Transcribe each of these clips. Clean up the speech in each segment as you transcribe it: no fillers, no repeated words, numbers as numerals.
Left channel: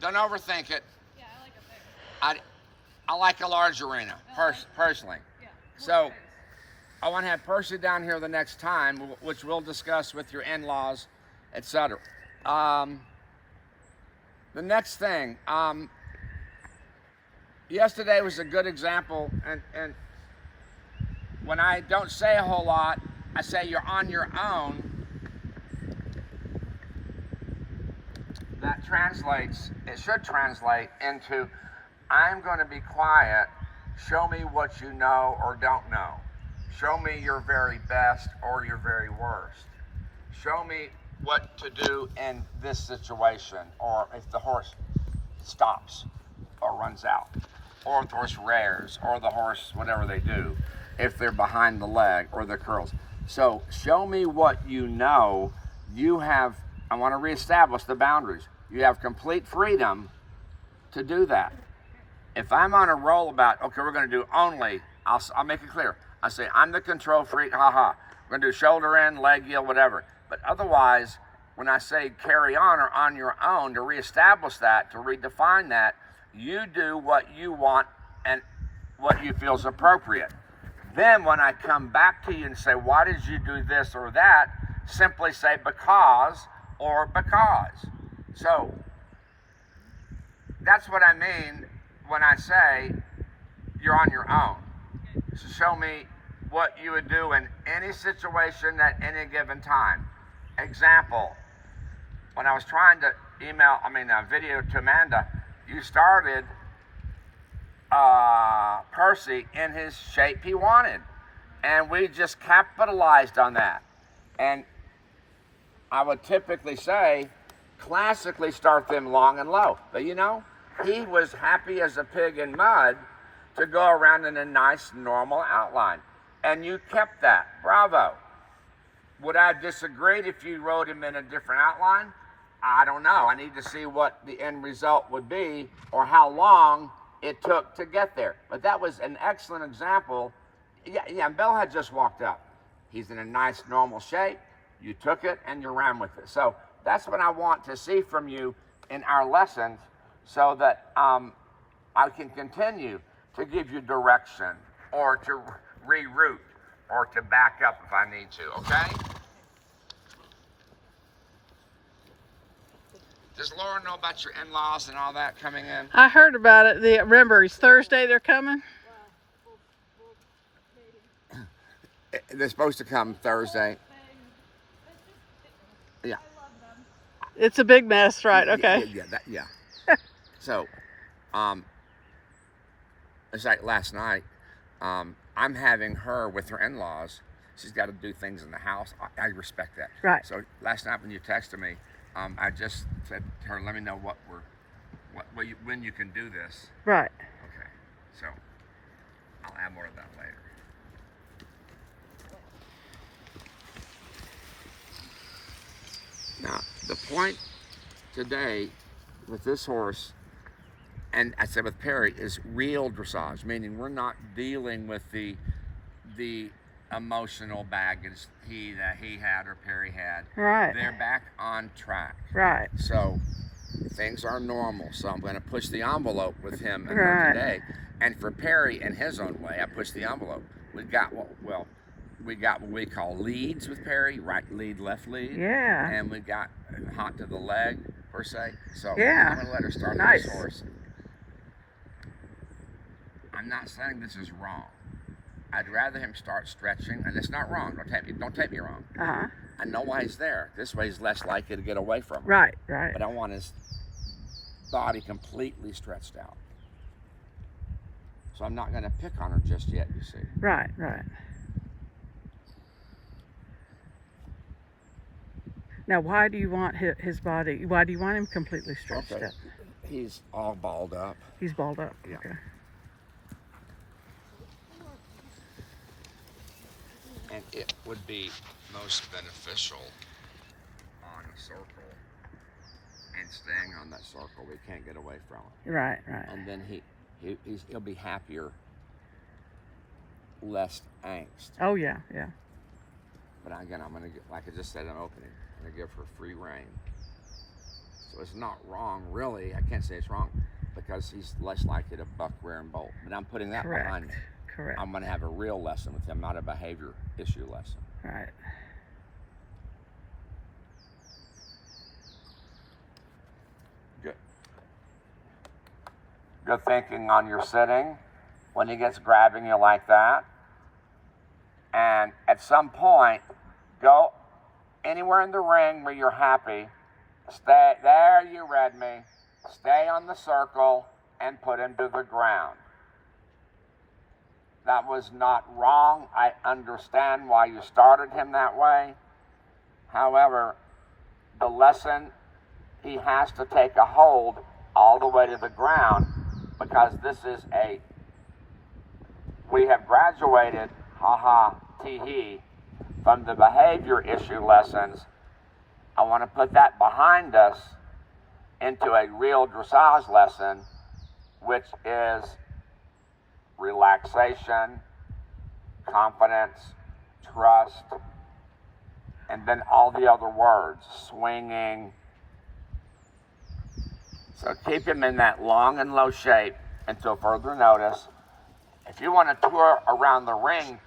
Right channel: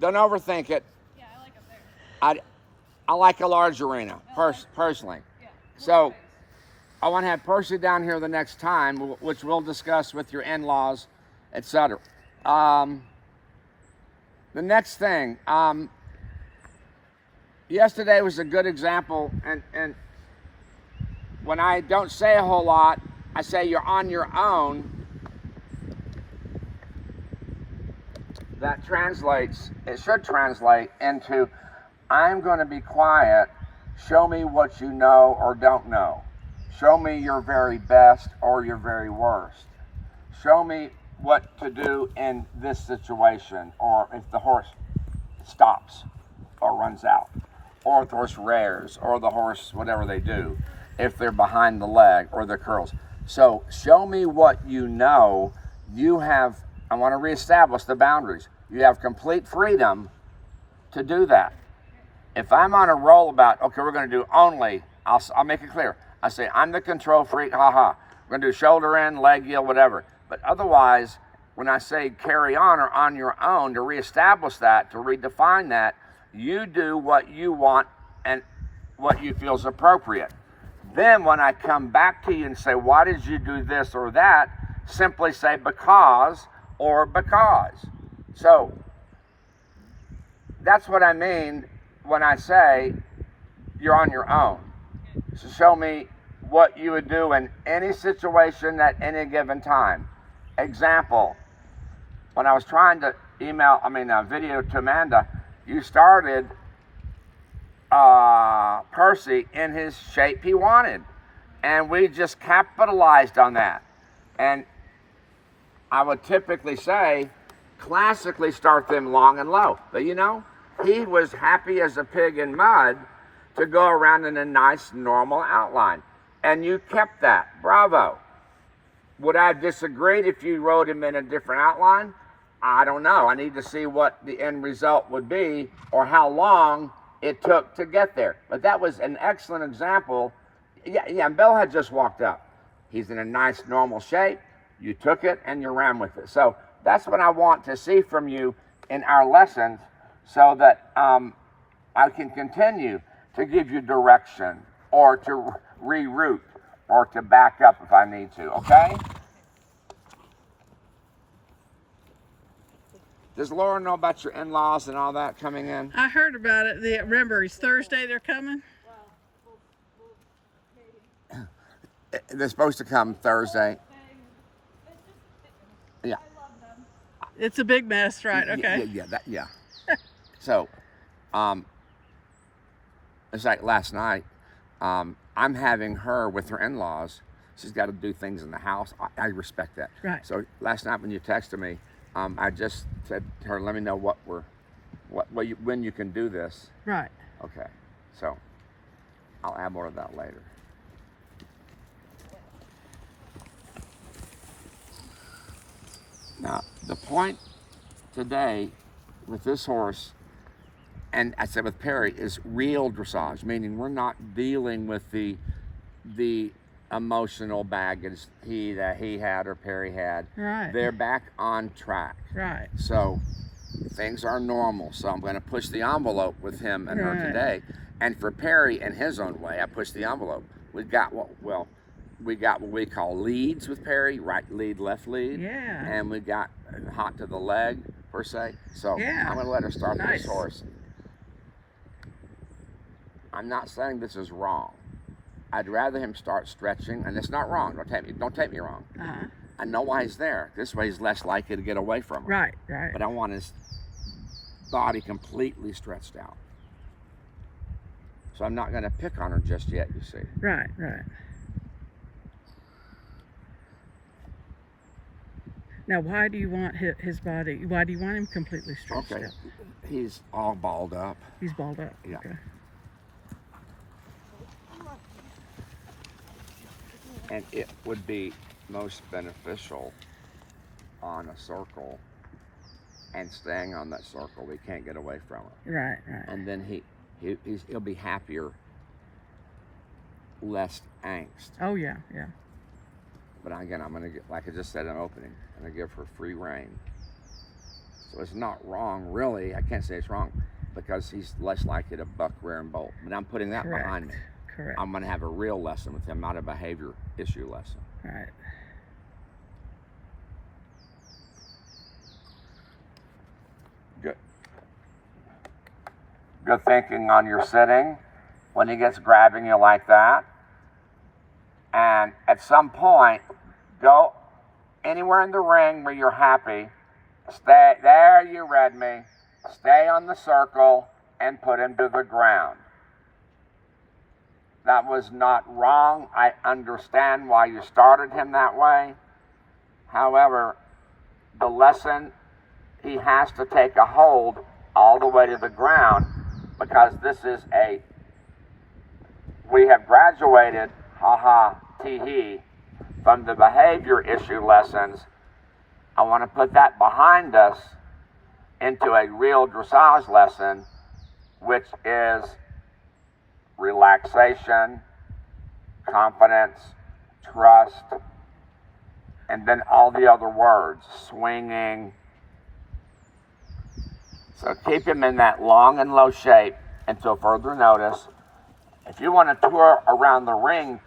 Don't overthink it. Yeah, I like a fair. I like a large arena, personally. Yeah. So I want to have Percy down here the next time, which we'll discuss with your in-laws, etc. The next thing, yesterday was a good example, and when I don't say a whole lot, I say you're on your own. That translates, it should translate into, I'm going to be quiet, show me what you know or don't know. Show me your very best or your very worst. Show me what to do in this situation, or if the horse stops or runs out, or if the horse rears, or the horse, whatever they do, if they're behind the leg or the curls. So show me what you know. I want to reestablish the boundaries. You have complete freedom to do that. If I'm on a roll about, okay, we're going to do only, I'll make it clear. I say, I'm the control freak, haha. We're going to do shoulder in, leg yield, whatever. But otherwise, when I say carry on or on your own, to reestablish that, to redefine that, you do what you want and what you feel is appropriate. Then when I come back to you and say, why did you do this or that? Simply say because or because. So that's what I mean when I say you're on your own. So show me what you would do in any situation at any given time. Example, when I was trying to video to Amanda, you started Percy in his shape he wanted. And we just capitalized on that. And I would typically say, classically start them long and low. But he was happy as a pig in mud to go around in a nice, normal outline. And you kept that. Bravo. Would I have disagreed if you rode him in a different outline? I don't know. I need to see what the end result would be or how long it took to get there. But that was an excellent example. Yeah, and Bill had just walked up. He's in a nice, normal shape. You took it and you ran with it. So that's what I want to see from you in our lessons so that I can continue to give you direction or to reroute or to back up if I need to, okay? Does Laura know about your in-laws and all that coming in? I heard about it. Remember, it's Thursday they're coming? They're supposed to come Thursday. Yeah. It's a big mess, right? Okay. Yeah. So, it's like last night, I'm having her with her in-laws. She's got to do things in the house. I respect that. Right. So last night when you texted me, I just said to her, let me know when you can do this. Right. Okay. So I'll add more of that later. Now, the point today with this horse, and I said with Perry, is real dressage, meaning we're not dealing with the emotional baggage that he had or Perry had. Right. They're back on track. Right. So things are normal. So I'm going to push the envelope with him and her today. And for Perry, in his own way, I pushed the envelope. We got what we call leads with Perry, right lead, left lead. Yeah. And we got hot to the leg, per se. So yeah. I'm going to let her start nice. this horse. I'm not saying this is wrong. I'd rather him start stretching, and it's not wrong. Don't take me wrong. Uh-huh. I know why he's there. This way he's less likely to get away from him. Right. But I want his body completely stretched out. So I'm not going to pick on her just yet, you see. Right. Now, why do you want his body? Why do you want him completely stretched out? He's all balled up. He's balled up. Yeah. Okay. And it would be most beneficial on a circle and staying on that circle. We can't get away from it. Right. And then he'll be happier, less angst. Oh, yeah. But again, I'm going to get, like I just said in opening, I'm going to give her free rein. So was not wrong, really. I can't say it's wrong because he's less likely to buck, rear, and bolt. But I'm putting that behind me. Correct. I'm going to have a real lesson with him, not a behavior issue lesson. Right. Good. Good thinking on your sitting when he gets grabbing you like that. And at some point, go anywhere in the ring where you're happy. Stay there, you read me. Stay on the circle and put him to the ground. That was not wrong. I understand why you started him that way. However, the lesson, he has to take a hold all the way to the ground because this is we have graduated, ha-ha, tee-hee, from the behavior issue lessons. I want to put that behind us into a real dressage lesson, which is relaxation, confidence, trust, and then all the other words, swinging. So keep him in that long and low shape until further notice. If you want to tour around the ring,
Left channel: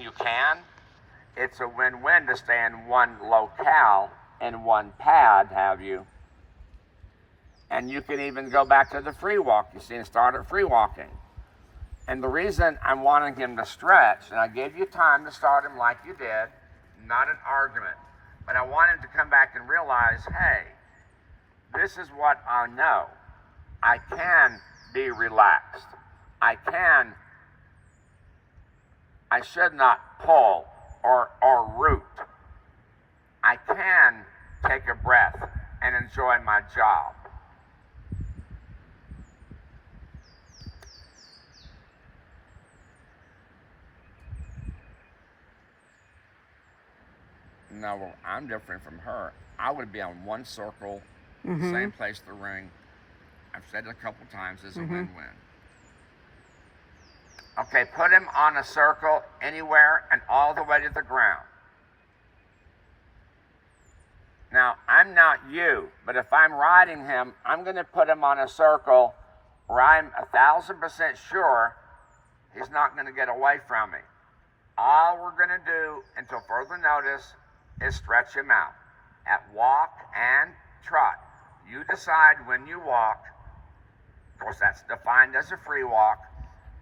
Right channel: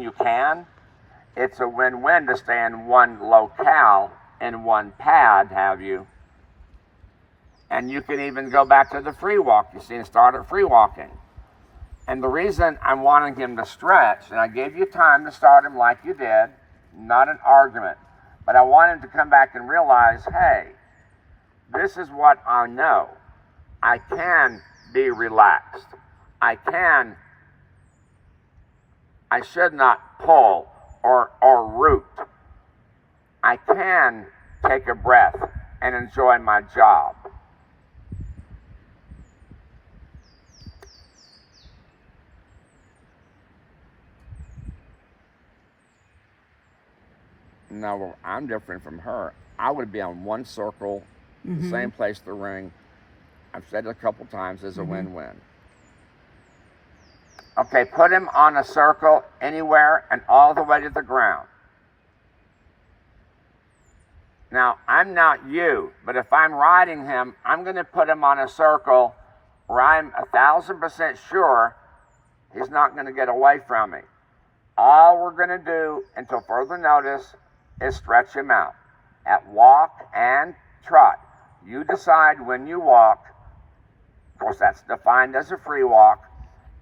you can. It's a win-win to stay in one locale, in one pad, have you. And you can even go back to the free walk, you see, and start at free walking. And the reason I'm wanting him to stretch, and I gave you time to start him like you did, not an argument, but I want him to come back and realize, hey, this is what I know. I can be relaxed. I should not pull or root. I can take a breath and enjoy my job. No, I'm different from her. I would be on one circle, the same place, the ring. I've said it a couple times, as a win-win. Okay, put him on a circle anywhere and all the way to the ground. Now, I'm not you, but if I'm riding him, I'm going to put him on a circle where I'm 1,000% sure he's not going to get away from me. All we're going to do until further notice is stretch him out at walk and trot. You decide when you walk. Of course, that's defined as a free walk.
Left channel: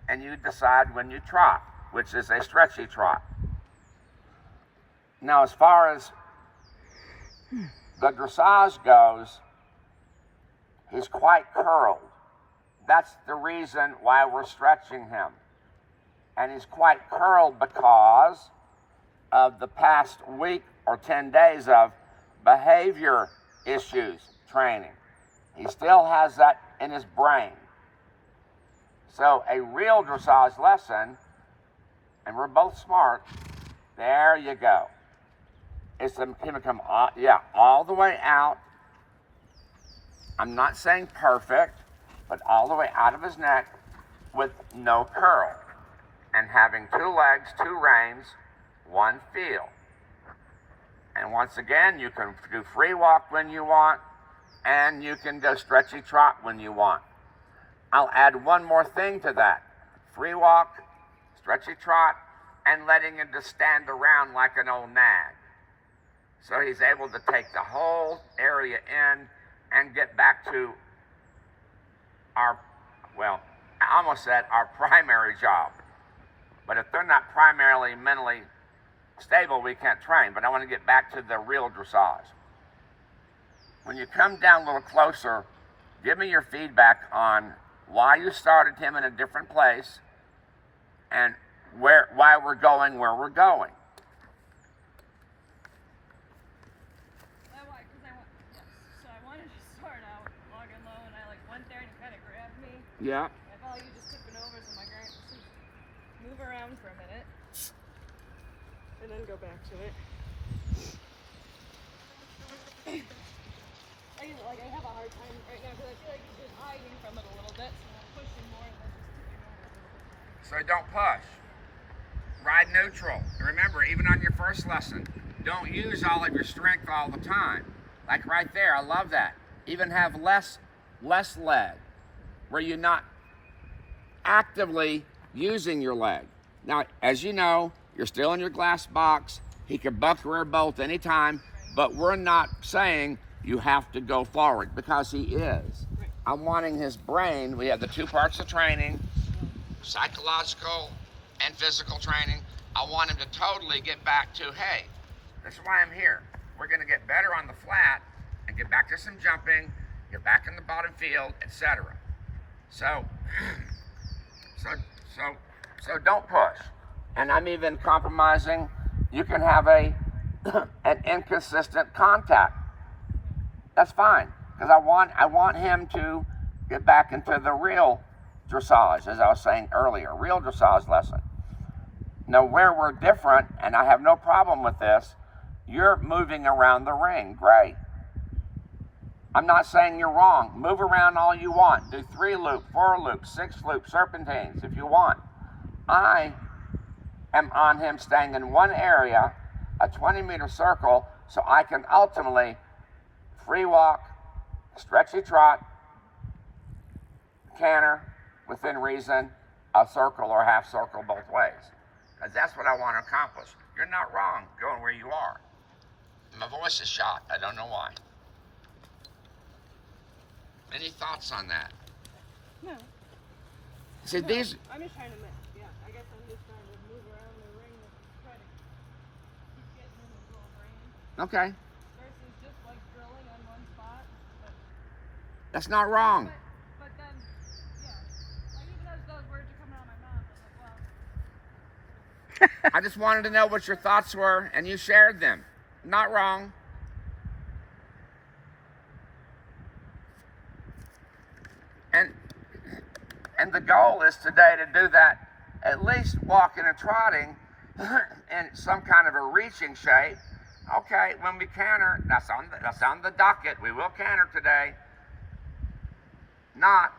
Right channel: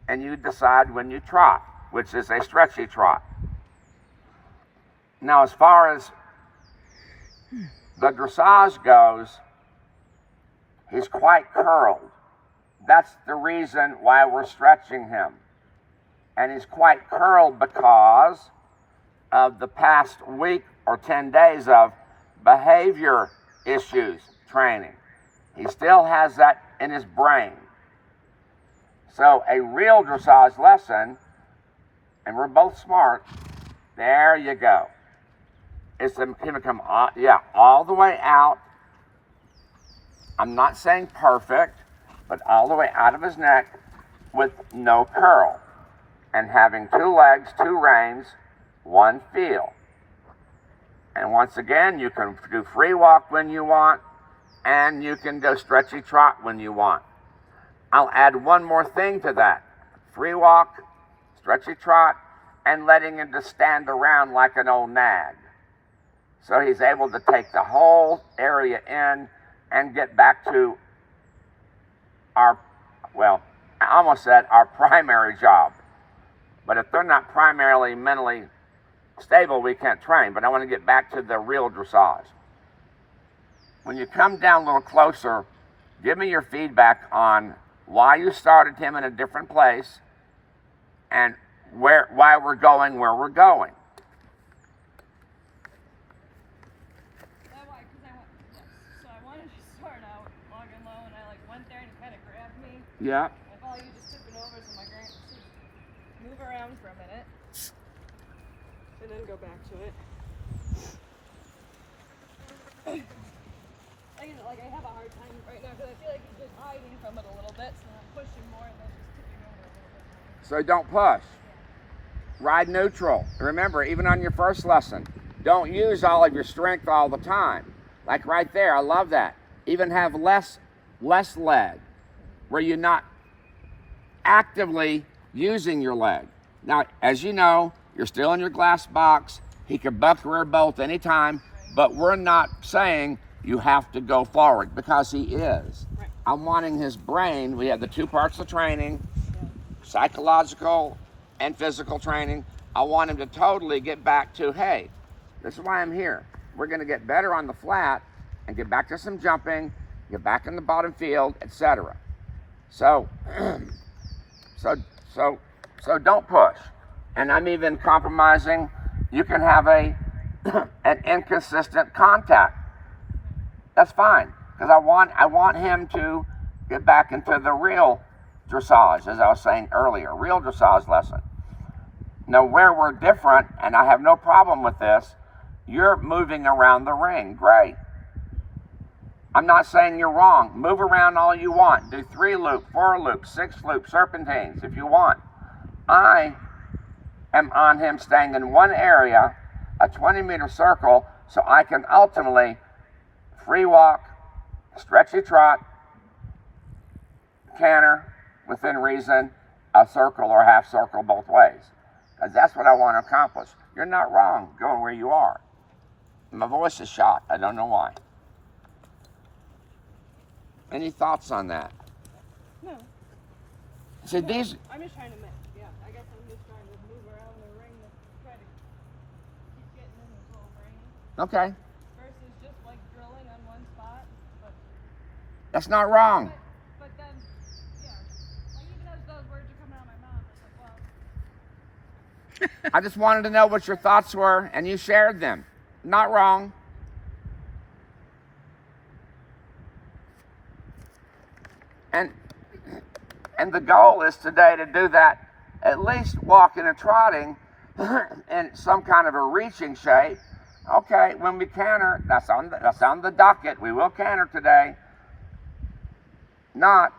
And you decide when you trot, which is a stretchy trot. Now, as far as the dressage goes, he's quite curled. That's the reason why we're stretching him. And he's quite curled because of the past week or 10 days of behavior issues training. He still has that in his brain. So a real dressage lesson, and we're both smart, there you go. It's him to come all the way out. I'm not saying perfect, but all the way out of his neck with no curl. And having 2 legs, 2 reins, 1 feel. And once again, you can do free walk when you want, and you can go stretchy trot when you want. I'll add one more thing to that. Free walk, stretchy trot, and letting him just stand around like an old nag. So he's able to take the whole area in and get back to I almost said our primary job. But if they're not primarily mentally stable, we can't train. But I want to get back to the real dressage. When you come down a little closer, give me your feedback on why you started him in a different place and why we're going where we're going. So I wanted to start out long and low, and I went there and he kind of grabbed me. Yeah. I follow you just tipping over, so my grand move around for a minute, and then go back to it. I have a hard time right now because I feel like he's just hiding from it a little bit, so I'm pushing more and then just tipping over a little bit. So don't push. Ride neutral. Remember, even on your first lesson, don't use all of your strength all the time. Like right there, I love that. even have less leg, where you're not actively using your leg. Now, as you know, you're still in your glass box. He could buck rear bolt anytime, but we're not saying you have to go forward, because he is. Right. I'm wanting his brain. We have the two parts of training, psychological and physical training. I want him to totally get back to, hey, this is why I'm here. We're going to get better on the flat and get back to some jumping, get back in the bottom field, etc. So, so don't push. And I'm even compromising. You can have an inconsistent contact. That's fine, because I want him to get back into the real dressage, as I was saying earlier, real dressage lesson. Now, where we're different, and I have no problem with this, you're moving around the ring. Great. I'm not saying you're wrong. Move around all you want. Do 3-loop, 4-loop, 6-loop, serpentines if you want. I am on him staying in one area, a 20-meter circle, so I can ultimately free walk, stretchy trot, canter, within reason, a circle or half circle both ways. Because that's what I want to accomplish. You're not wrong going where you are. My voice is shot. I don't know why. Any thoughts on that? No. See, No, these... I'm just trying to I guess I'm just trying to move around the ring to try to keep getting in his little brain. Okay. Versus just like drilling on one spot. But That's not wrong. But then, yeah. Like even as those words are coming out of my mouth, I was like, well. I just wanted to know what your thoughts were, and you shared them. Not wrong. And the goal is today to do that, at least walking and trotting in some kind of a reaching shape. Okay, when we canter, that's on the docket. We will canter today. Not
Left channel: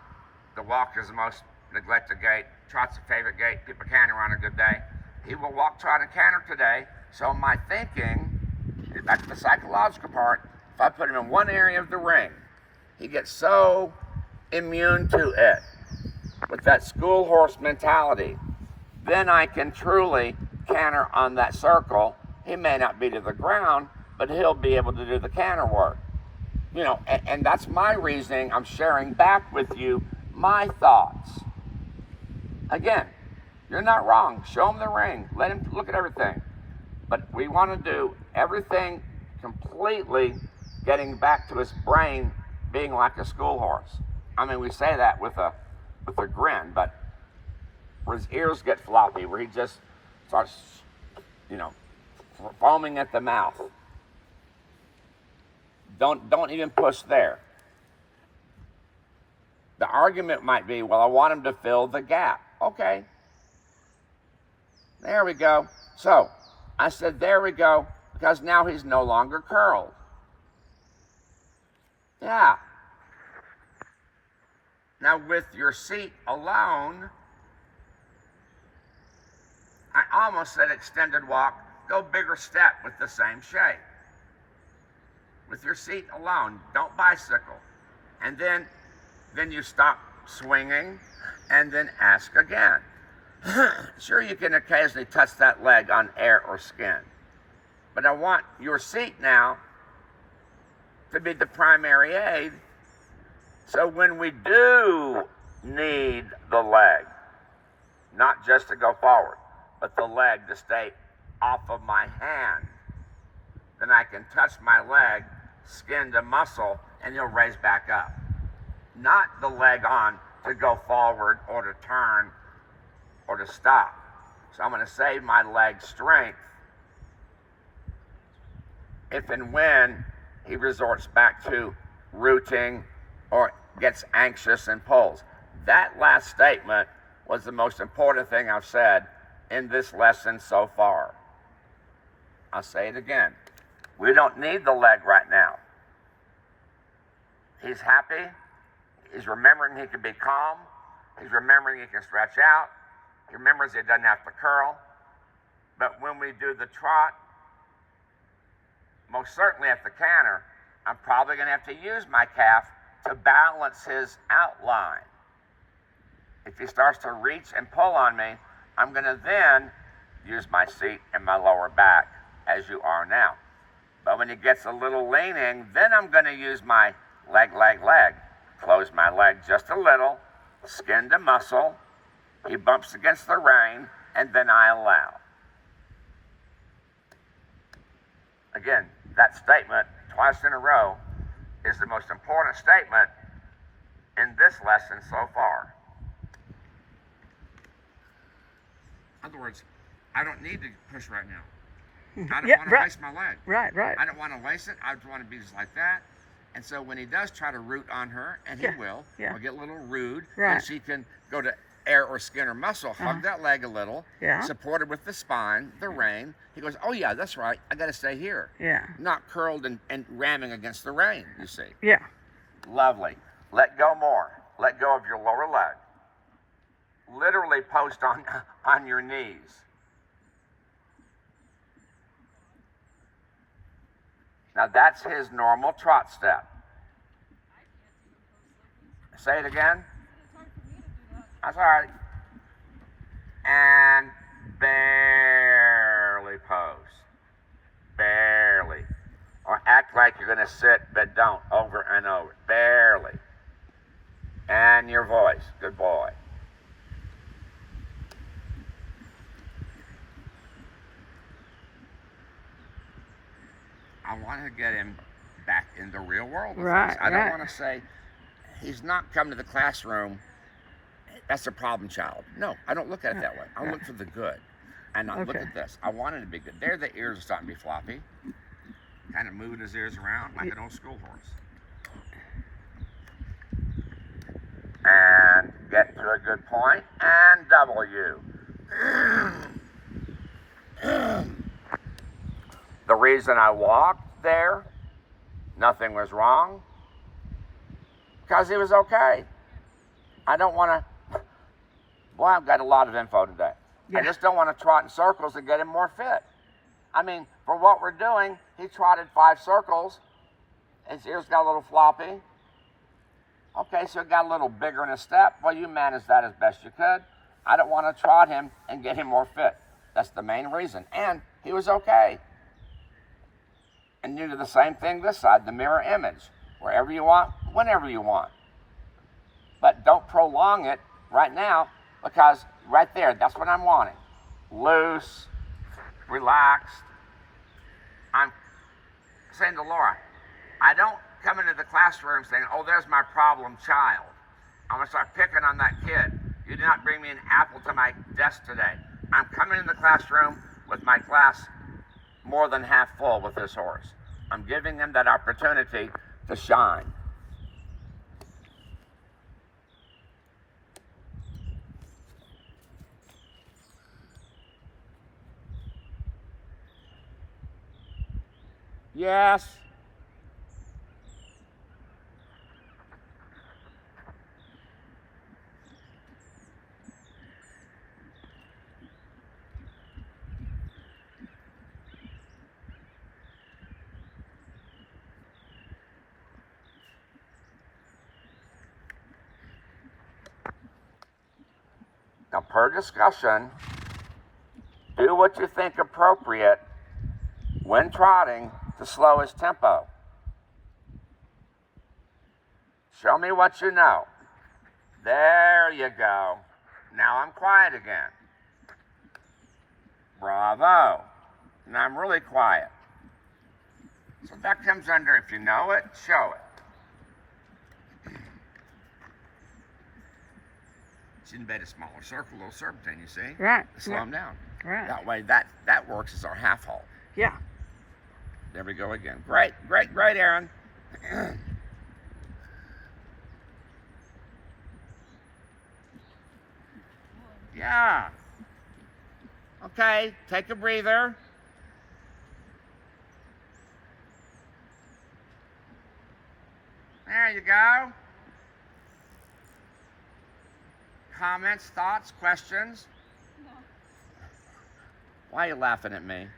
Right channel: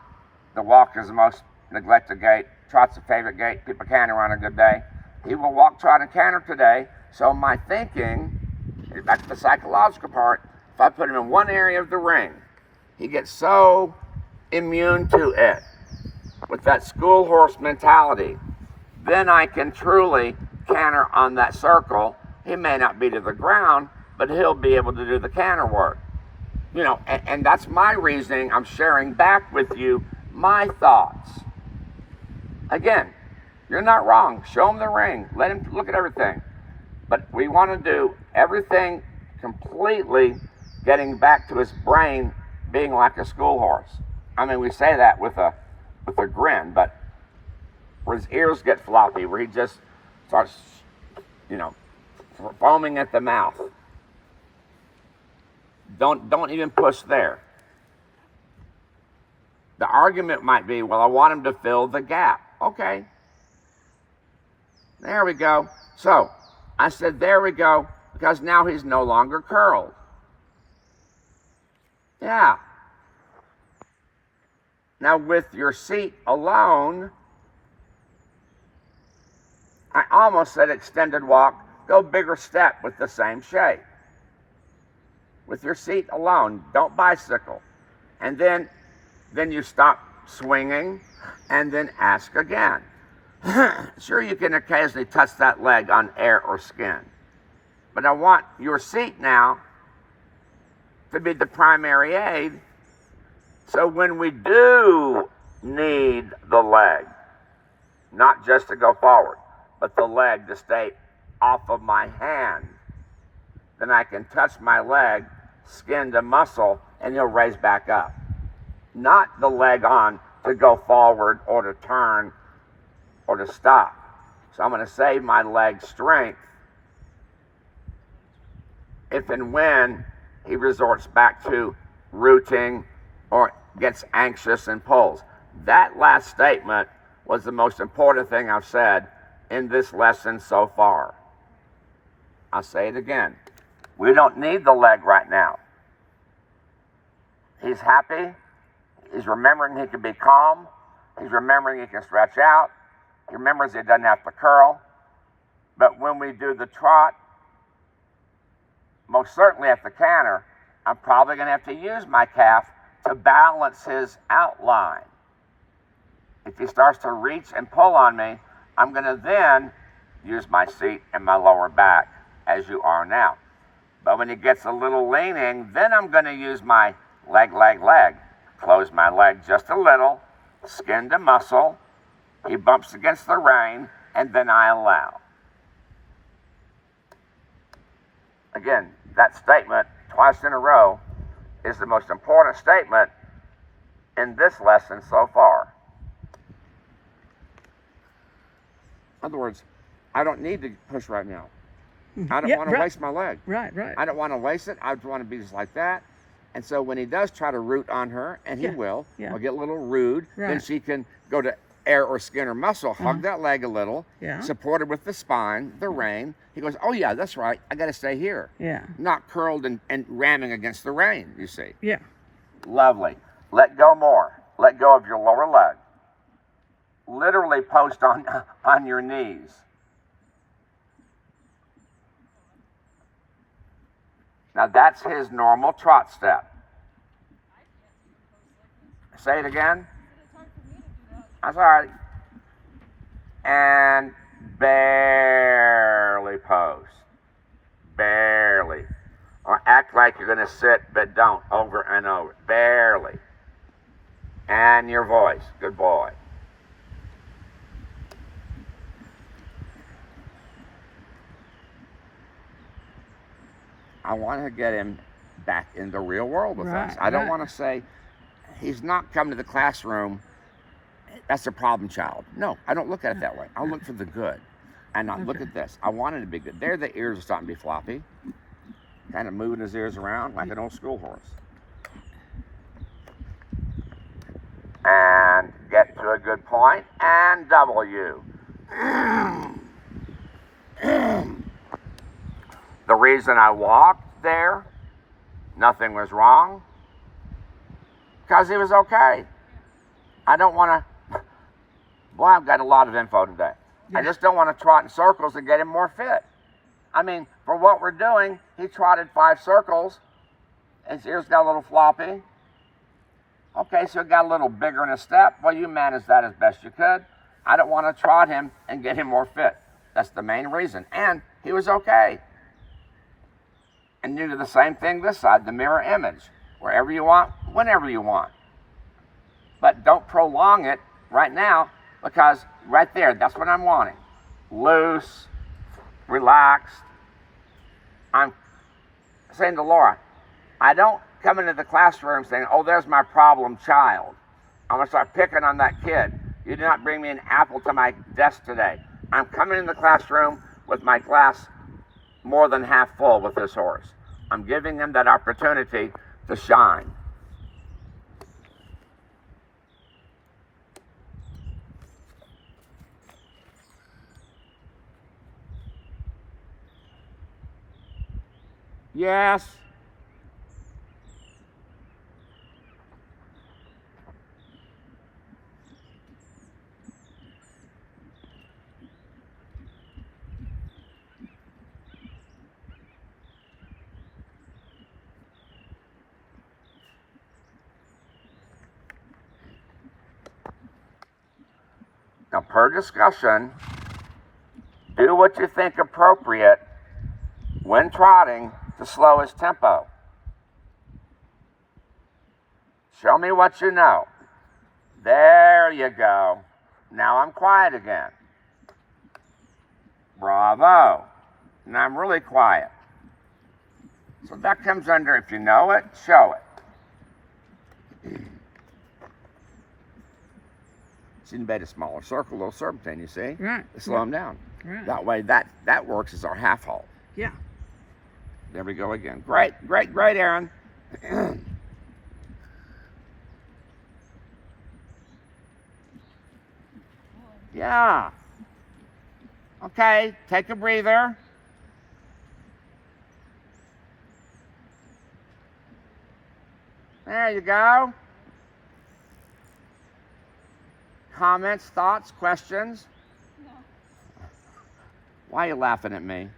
the walk is the most neglected gait. Trot's a favorite gait. People canter on a good day. He will walk, trot, and canter today. So my thinking, get back to the psychological part, if I put him in one area of the ring, he gets so immune to it with that school horse mentality, then I can truly canter on that circle. He may not be to the ground, but he'll be able to do the canter work. You know, and that's my reasoning. I'm sharing back with you my thoughts. Again, you're not wrong. Show him the ring. Let him look at everything. But we want to do everything completely getting back to his brain being like a school horse. I mean, we say that with a grin, but where his ears get floppy, where he just starts, foaming at the mouth. Don't even push there. The argument might be, well, I want him to fill the gap. Okay. There we go. So I said, there we go, because now he's no longer curled. Yeah. Now with your seat alone, I almost said extended walk, go bigger step with the same shape. With your seat alone, don't bicycle. And then you stop swinging and then ask again. Sure, you can occasionally touch that leg on air or skin, but I want your seat now to be the primary aid. So when we do need the leg, not just to go forward, but the leg to stay off of my hand, then I can touch my leg, skin to muscle, and he'll raise back up. Not the leg on to go forward or to turn or to stop. So I'm going to save my leg strength if and when he resorts back to rooting or gets anxious and pulls. That last statement was the most important thing I've said in this lesson so far. I'll say it again. We don't need the leg right now. He's happy. He's remembering he can be calm. He's remembering he can stretch out. He remembers he doesn't have to curl. But when we do the trot, most certainly at the canter, I'm probably going to have to use my calf to balance his outline. If he starts to reach and pull on me, I'm going to then use my seat and my lower back as you are now. But when he gets a little leaning, then I'm going to use my leg. Close my leg just a little, skin to muscle. He bumps against the rein, and then I allow. Again, that statement twice in a row is the most important statement in this lesson so far. In other words, I don't need to push right now. I don't Yeah, want to right. waste my leg. Right. I don't want to waste it. I just want to be just like that. And so when he does try to root on her, and he Yeah, will, yeah. or get a little rude, then Right. she can go to air or skin or muscle, hug that leg a little, Yeah. support her with the spine, the rein. He goes, oh yeah, that's right. I got to stay here. Yeah. Not curled and ramming against the rein, you see. Yeah. Lovely. Let go more. Let go of your lower leg. Literally post on your knees. Now that's his normal trot step. Say it again. It's hard for me to do that. That's all right. And barely post. Barely. Or act like you're going to sit, but don't. Over and over. Barely. And your voice. Good boy. I want to get him back in the real world with us. Right, I don't right. want to say he's not coming to the classroom. That's a problem child. No, I don't look at it that way. I look for the good. And I look Okay. at this. I want it to be good. There, the ears are starting to be floppy. Kind of moving his ears around like an old school horse. And get to a good point. And W. The reason I walked there, nothing was wrong, because he was okay. I don't want to, boy, I've got a lot of info today. I Yeah. just don't want to trot in circles and get him more fit. I mean, for what we're doing, he trotted 5 circles. His ears got a little floppy. Okay, so it got a little bigger in his step. Well, you managed that as best you could. I don't want to trot him and get him more fit. That's the main reason. And he was okay. And you do the same thing this side, the mirror image. Wherever you want, whenever you want. But don't prolong it right now, because right there, that's what I'm wanting. Loose, relaxed. I'm saying to Laura, I don't come into the classroom saying, oh, there's my problem child. I'm going to start picking on that kid. You did not bring me an apple to my desk today. I'm coming in the classroom with my glass more than half full with this horse. I'm giving them that opportunity to shine. Yes. Now, per discussion, do what you think appropriate when trotting to slow his tempo. Show me what you know. There you go. Now I'm quiet again. Bravo. Now I'm really quiet. So that comes under, if you know it, show it. She made a smaller circle, a little serpentine, you see? Right. To slow him down. Right. That way, that works as our half halt. Yeah. There we go again. Great, great, great, Aaron. Yeah. Okay, take a breather. There you go. Comments, thoughts, questions? No. Why are you laughing at me?